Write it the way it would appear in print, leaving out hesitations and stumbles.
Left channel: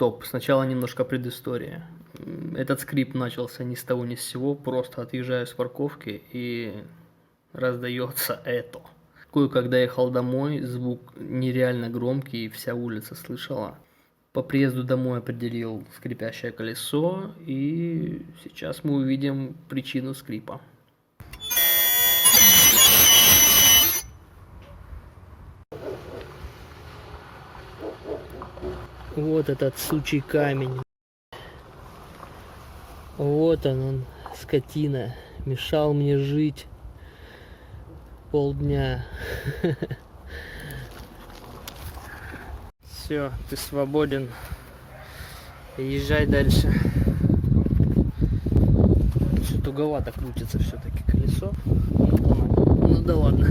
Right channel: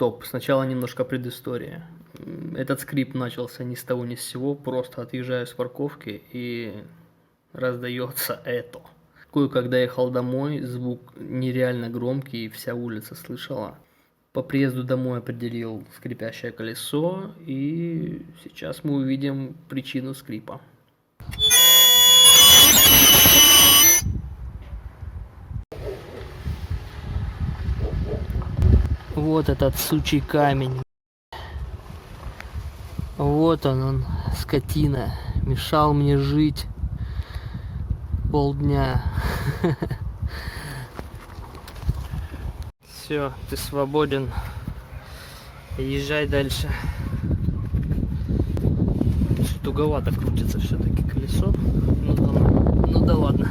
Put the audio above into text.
Стоп, сначала немножко предыстория. Этот скрип начался ни с того ни с сего, просто отъезжаю с парковки и раздается это. Когда ехал домой, звук нереально громкий, вся улица слышала. По приезду домой определил скрипящее колесо, и сейчас мы увидим причину скрипа. Вот этот сучий камень. Вот он, скотина. Мешал мне жить полдня. Все, ты свободен. Езжай дальше. Туговато крутится все-таки колесо. Ну да ладно.